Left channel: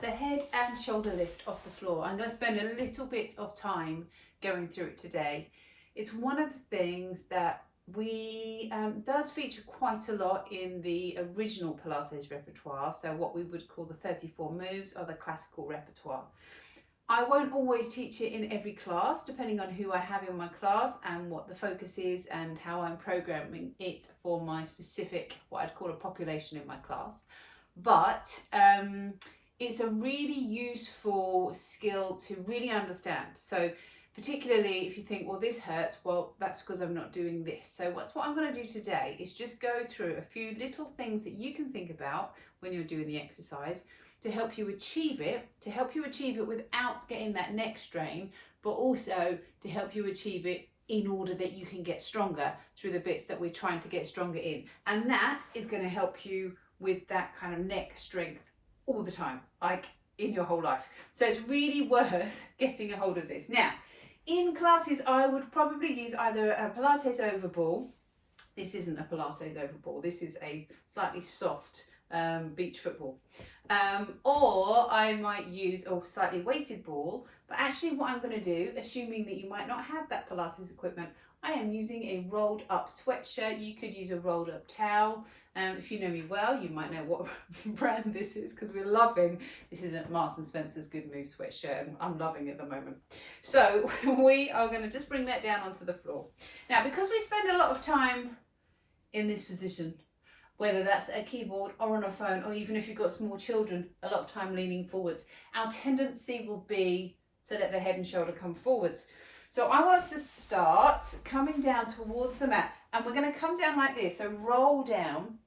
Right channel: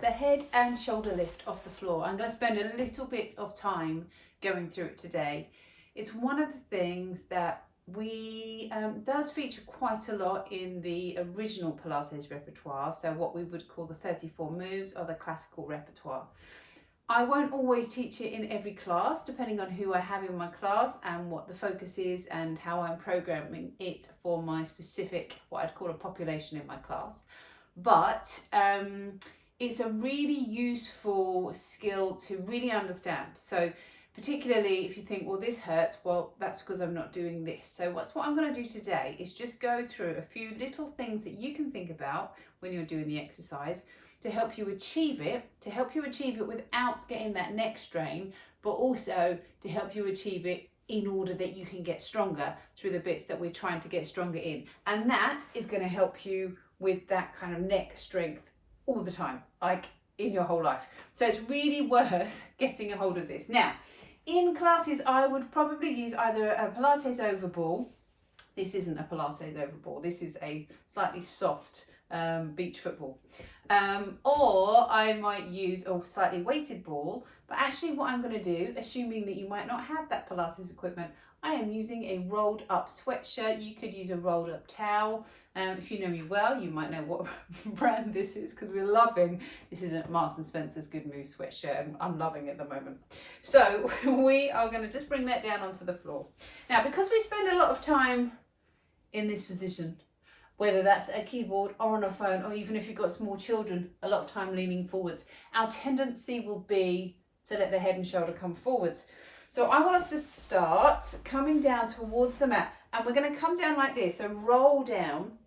the head and shoulder lift off the floor. I'm going to spend a little bit of time going through it today. It's one of the things that we does feature quite a lot in the original Pilates repertoire, so what we would call the 34 moves or the classical repertoire. I won't always teach it in every class, depending on who I have in my class and what the focus is and how I'm programming it for my specific, what I'd call a population in my class. But it's a really useful skill to really understand. So particularly if you think, well, this hurts, well, that's because I'm not doing this. So what I'm going to do today is just go through a few little things that you can think about when you're doing the exercise to help you achieve it, without getting that neck strain, but also to help you achieve it in order that you can get stronger through the bits that we're trying to get stronger in. And that is going to help you with that kind of neck strength all the time, like in your whole life. So it's really worth getting a hold of this. Now, in classes, I would probably use either a Pilates over ball. This isn't a Pilates over ball. This is a slightly soft beach football. Or I might use a slightly weighted ball, but actually what I'm going to do, assuming that you might not have that Pilates equipment, I am using a rolled up sweatshirt. You could use a rolled up towel. If you know me well, you might know what brand this is, because we're loving, this is a Marks & Spencer's Good Move sweatshirt, and I'm loving it at the moment. So we are going to just bring that down onto the floor. Now, because we spend a lot of time in this position, whether that's a keyboard or on a phone, or even if you've got small children, a lot of time leaning forwards, our tendency will be to let the head and shoulder come forwards. So I want us to start coming down towards the mat, and we're going to come down like this, so roll down,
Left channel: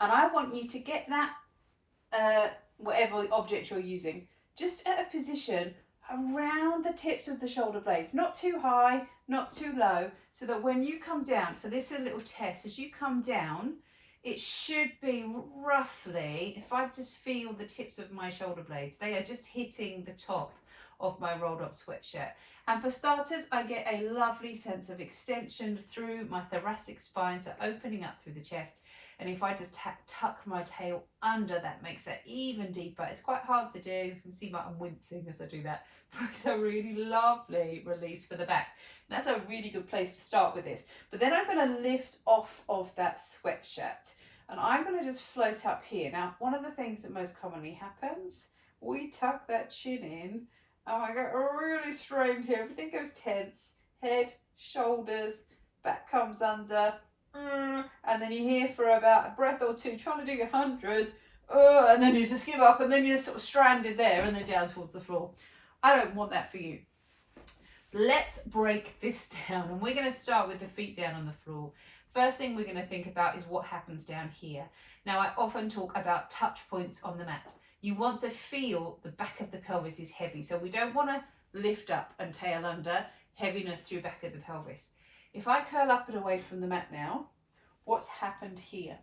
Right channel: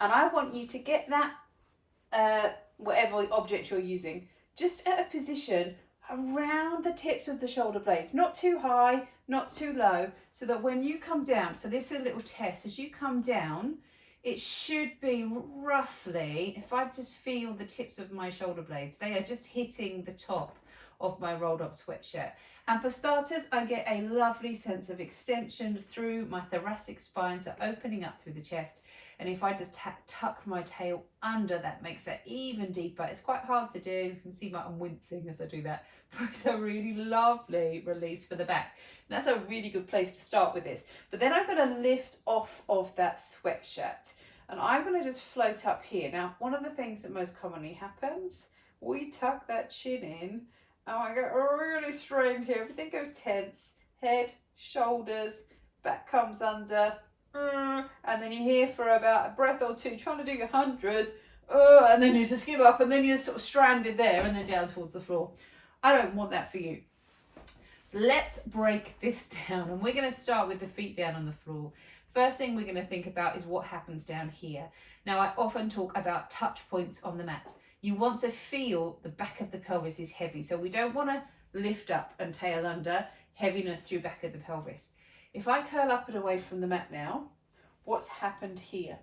and I want you to get that, whatever object you're using, just at a position around the tips of the shoulder blades, not too high, not too low, so that when you come down, so this is a little test, as you come down, it should be roughly, if I just feel the tips of my shoulder blades, they are just hitting the top of my rolled up sweatshirt. And for starters, I get a lovely sense of extension through my thoracic spine, so opening up through the chest. And if I just tuck my tail under, that makes that even deeper. It's quite hard to do. You can see I'm wincing as I do that. But it's a really lovely release for the back. And that's a really good place to start with this. But then I'm going to lift off of that sweatshirt, and I'm going to just float up here. Now, one of the things that most commonly happens, we tuck that chin in, and I get really strained here. Everything goes tense, head, shoulders, back comes under, and then you're here for about a breath or two trying to do 100, and then you just give up, and then you're sort of stranded there and then down towards the floor. I don't want that for you. Let's break this down, and we're going to start with the feet down on the floor. First thing we're going to think about is what happens down here. Now, I often talk about touch points on the mat. You want to feel the back of the pelvis is heavy, so we don't want to lift up and tail under, heaviness through back of the pelvis. If I curl up and away from the mat now, what's happened here?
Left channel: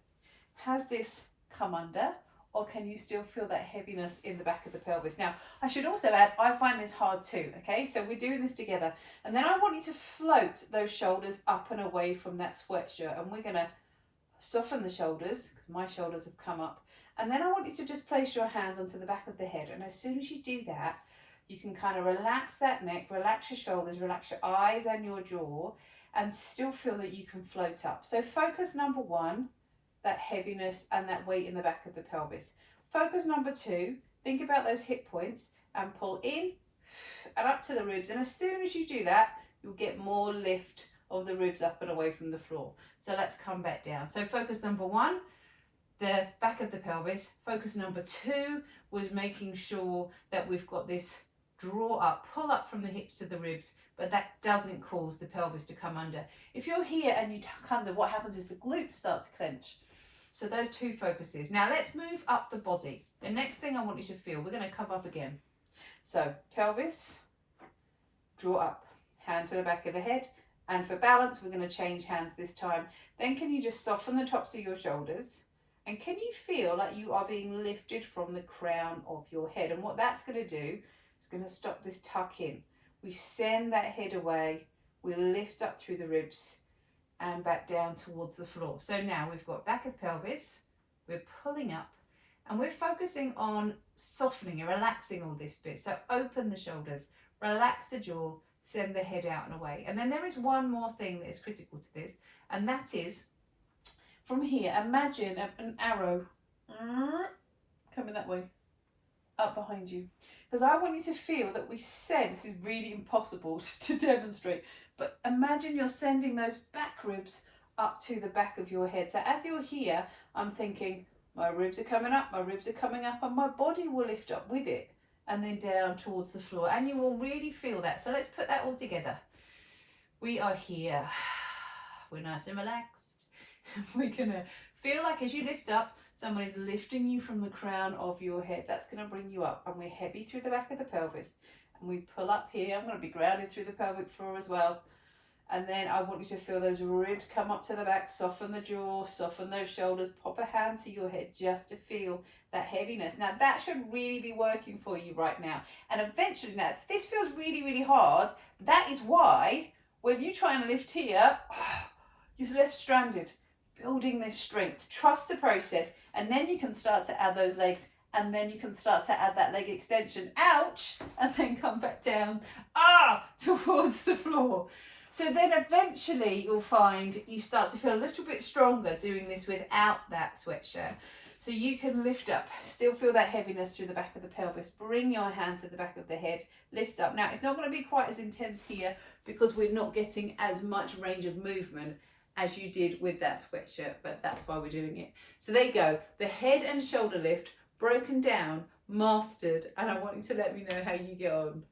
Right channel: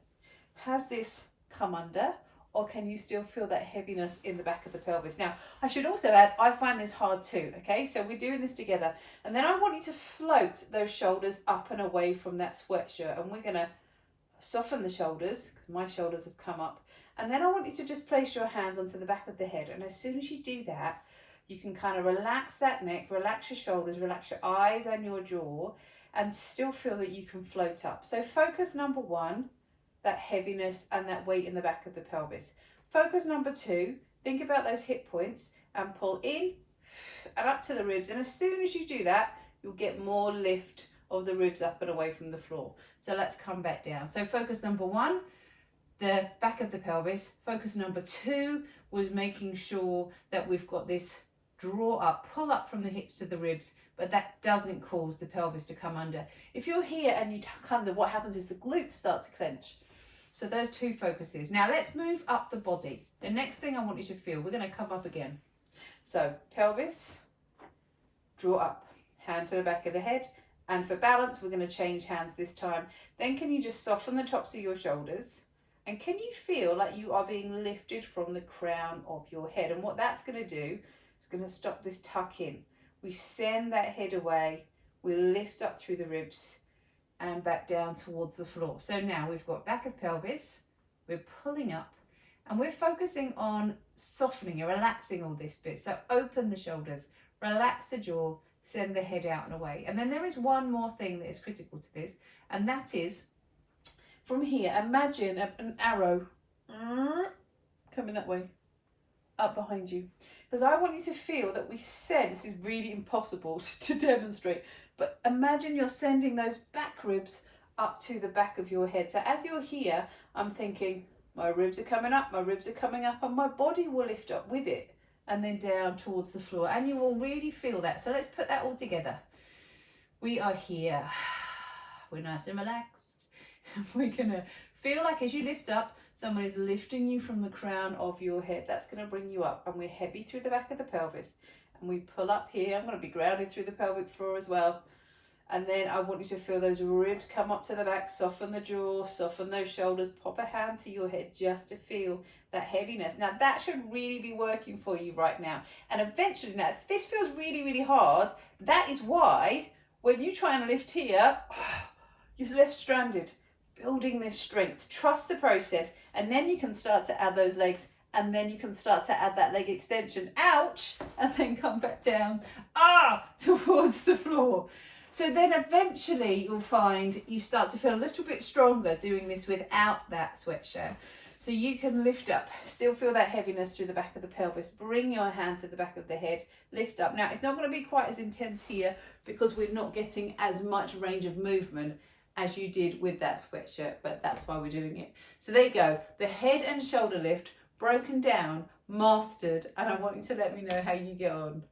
Has this come under, or can you still feel that heaviness in the back of the pelvis? Now, I should also add, I find this hard too, okay? So we're doing this together. And then I want you to float those shoulders up and away from that sweatshirt, and we're gonna soften the shoulders, because my shoulders have come up. And then I want you to just place your hands onto the back of the head. And as soon as you do that, you can kind of relax that neck, relax your shoulders, relax your eyes and your jaw, and still feel that you can float up. So focus number one, that heaviness and that weight in the back of the pelvis. Focus number two, think about those hip points and pull in and up to the ribs. And as soon as you do that, you'll get more lift of the ribs up and away from the floor. So let's come back down. So focus number one, the back of the pelvis. Focus number two was making sure that we've got this draw up, pull up from the hips to the ribs, but that doesn't cause the pelvis to come under. If you're here and you tuck under, what happens is the glutes start to clench. So those two focuses. Now let's move up the body. The next thing I want you to feel, we're going to come up again. So pelvis, draw up, hand to the back of the head, and for balance, we're going to change hands this time. Then can you just soften the tops of your shoulders? And can you feel like you are being lifted from the crown of your head? And what that's going to do is going to stop this tuck in. We send that head away, we lift up through the ribs and back down towards the floor. So now we've got back of pelvis, we're pulling up, And we're focusing on softening and relaxing all this bit. So open the shoulders, relax the jaw, send the head out and away. And then there is one more thing that is critical to this, and that is from here, imagine an arrow coming that way, up behind you. Because I want you to feel that we said, this is really impossible to demonstrate, but imagine you're sending those back ribs up to the back of your head. So as you're here, I'm thinking, my ribs are coming up, my ribs are coming up, and my body will lift up with it and then down towards the floor. And you will really feel that. So let's put that all together. We are here. We're nice and relaxed. We're gonna feel like as you lift up, someone is lifting you from the crown of your head. That's gonna bring you up. And we're heavy through the back of the pelvis. And we pull up here. I'm gonna be grounded through the pelvic floor as well. And then I want you to feel those ribs come up to the back, soften the jaw, soften those shoulders, pop a hand to your head just to feel that heaviness. Now that should really be working for you right now. And eventually, now if this feels really, really hard, that is why when you try and lift here, you're left stranded, building this strength. Trust the process, and then you can start to add those legs, and then you can start to add that leg extension, ouch, and then come back down, towards the floor. So then eventually you'll find you start to feel a little bit stronger doing this without that sweatshirt. So you can lift up, still feel that heaviness through the back of the pelvis, bring your hand to the back of the head, lift up. Now it's not going to be quite as intense here because we're not getting as much range of movement as you did with that sweatshirt, but that's why we're doing it. So there you go, the head and shoulder lift, broken down, mastered, and I want you to let me know how you get on.